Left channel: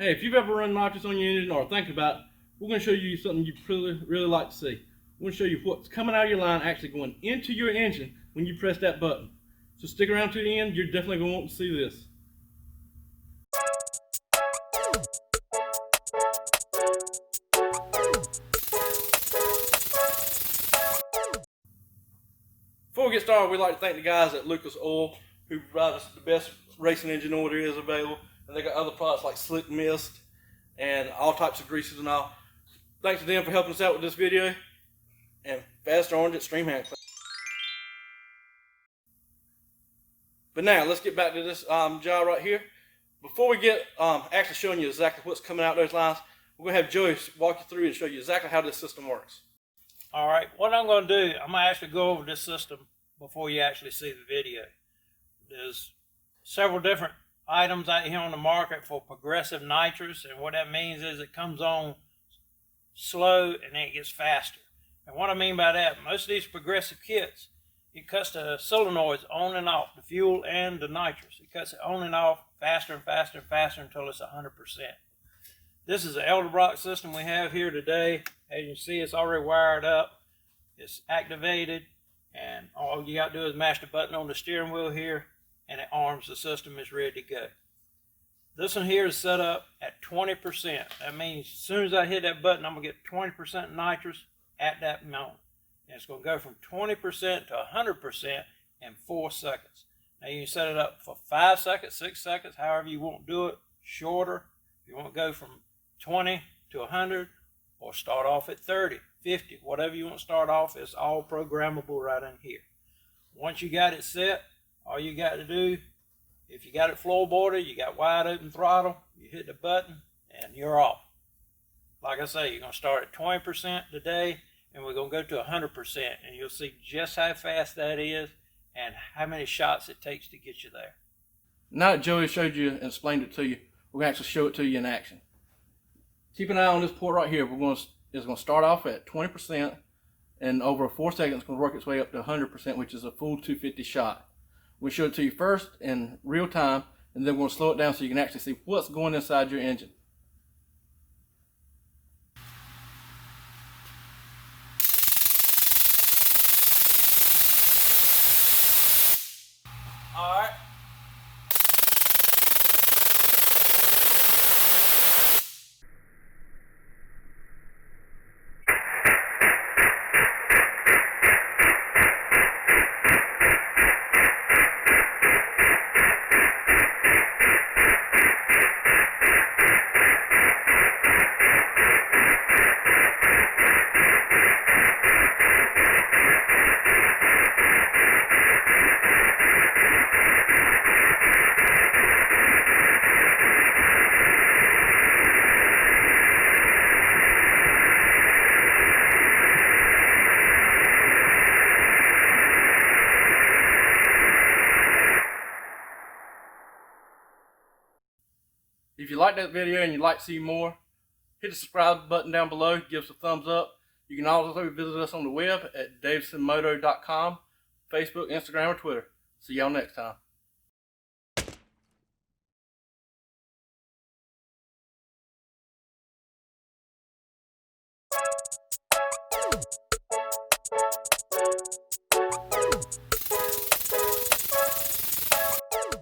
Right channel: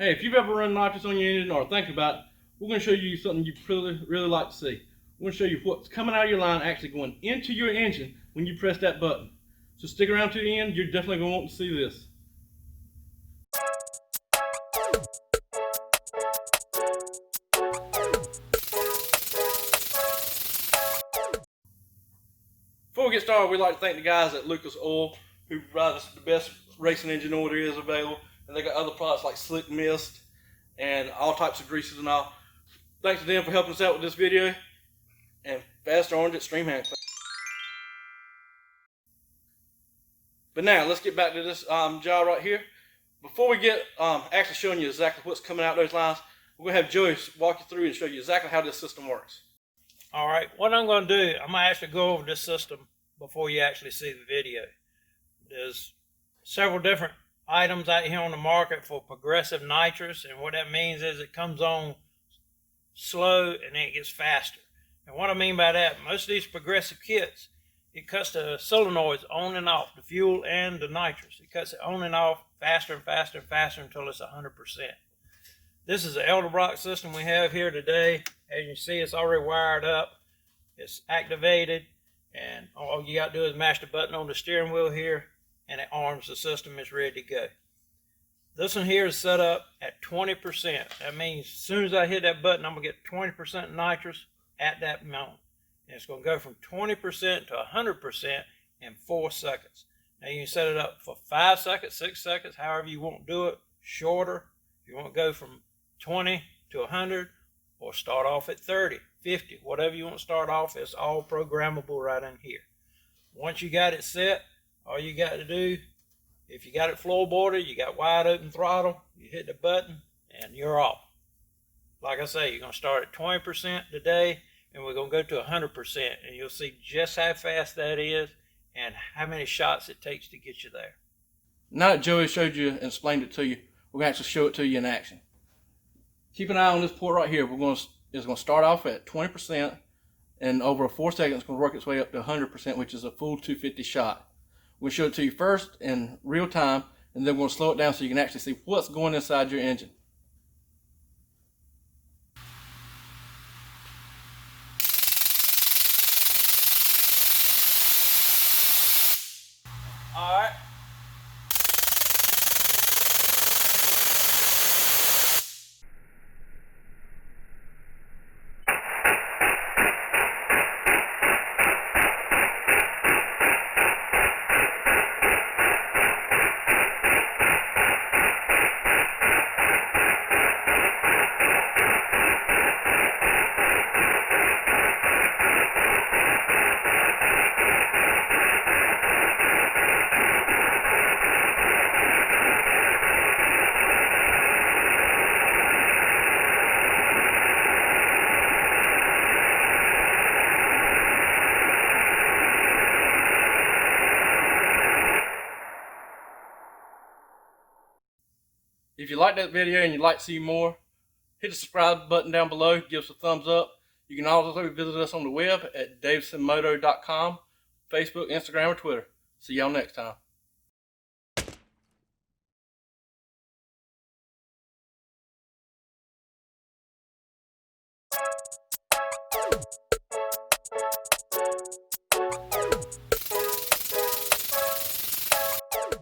Hey, if you've ever run nitrous on your engine or think about it, we're going to show you something you really like to see. We're going to show you what's coming out of your line actually going into your engine when you press that button. So stick around to the end, you're definitely going to want to see this. Before we get started, we'd like to thank the guys at Lucas Oil who provide us the best racing engine oil there is available. And they got other products like Slick Mist and all types of greases and all. Thanks to them for helping us out with this video. And Fast Orange at Stream Hand. But now let's get back to this job right here. Before we get actually showing you exactly what's coming out those lines, we're going to have Joey walk you through and show you exactly how this system works. All right, what I'm going to do, I'm going to actually go over this system before you actually see the video. There's several different items out here on the market for progressive nitrous, and what that means is it comes on slow and then it gets faster. And what I mean by that, most of these progressive kits, it cuts the solenoids on and off, the fuel and the nitrous. It cuts it on and off faster and faster and faster until it's 100%. This is the Edelbrock system we have here today. As you can see, it's already wired up. It's activated, and all you got to do is mash the button on the steering wheel here, and it arms the system. It's ready to go. This one here is set up at 20%. That means as soon as I hit that button, I'm going to get 20% nitrous at that moment. And it's going to go from 20% to 100% in 4 seconds. Now you can set it up for 5 seconds, 6 seconds, however you want to do it. Shorter, if you want to go from 20 to 100, or start off at 30, 50, whatever you want to start off, it's all programmable right in here. Once you got it set, all you got to do, if you got it floorboarded, you got wide open throttle, you hit the button and you're off. Like I say, you're going to start at 20% today, and we're going to go to 100%, and you'll see just how fast that is and how many shots it takes to get you there. Now that Joey showed you and explained it to you, we're going to actually show it to you in action. Keep an eye on this port right here. It's going to start off at 20%, and over 4 seconds, it's going to work its way up to 100%, which is a full 250 shot. We'll show it to you first in real time, and then we're going to slow it down so you can actually see what's going inside your engine. All right. If you like that video and you'd like to see more, hit the subscribe button down below, give us a thumbs up. You can also visit us on the web at davidsonmoto.com, Facebook, Instagram, or Twitter. See y'all next time.